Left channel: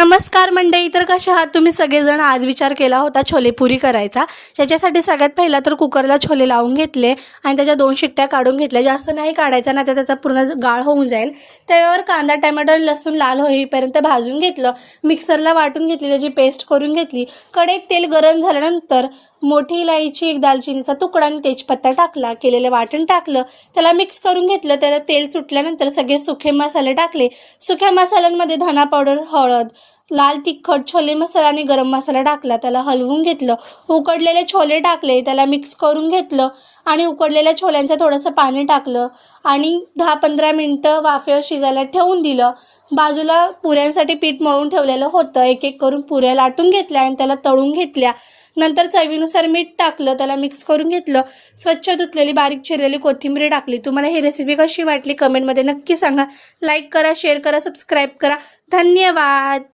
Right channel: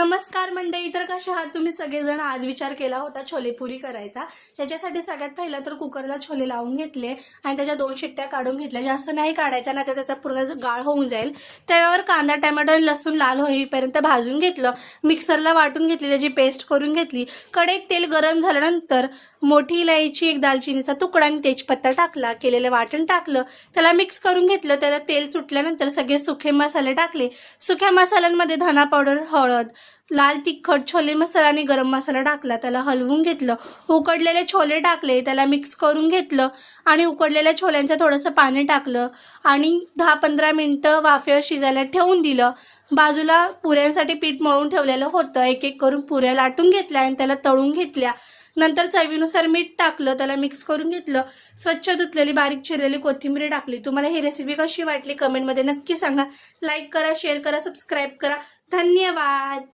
नमस्कार मंडळी, तर कशा आहात तुम्ही सगळेजण? आज विचार केला होता छोलेपुरी करायचा. त्याच्यासाठी सगळ्यात पहिला तर कुकरला छोले लावून घेतले आणि त्याच्या 2 शिट्ट्या काढून घेतल्या. जास्त नाही काढायचा ना, तर त्याचा पूर्ण गाळ होऊन जाईल. त्यावर कांदा, टोमॅटो, लसूण लाल होईपर्यंत भाजून घेतलं. मिक्सरला वाटून घेतली, त्याची पेस्ट करून घेतली. कढईत तेल गरम झाल्यानंतर मोठी इलायची, एक दालचिनीचा तुकडा आणि तेजपत्ता टाकला. केलेलं वाटण टाकलं, त्याला मिक्स करून घेतलं. त्याला तेल सुटल्यानंतर सगळे सुखे मसाले टाकले. सुक्या मसाल्यांमध्ये धना पावडर, हळद, लाल तिखट, छोले मसाला आणि गरम मसाला टाकला. त्याला हलवून घेतलं. उकडलेले छोले टाकले, त्याला मिक्स करून घेतलं आणि उकडलेल्या छोल्यांचं थोडंसं पाणी टाकलं आणि 10-15 मिनटं वाफेवर शिजायला ठेवून दिलं. बाजूला पुऱ्यांसाठी पीठ मळून ठेवलेलं होतं. एक एक करून पुऱ्या लाटून घेतल्या आणि त्याला तळून घेतल्या. नंतर चवीनुसार मीठ टाकलं, त्याला मिक्स करून घेतलं. स्वच्छ धुतलेली बारीक चिरलेली कोथिंबीर टाकली. तुम्हाला ही रेसिपी कशी वाटली कमेंटमध्ये नक्की सांगा. लाईक करा, शेअर करा, सबस्क्राईब करा. धन्यवाद.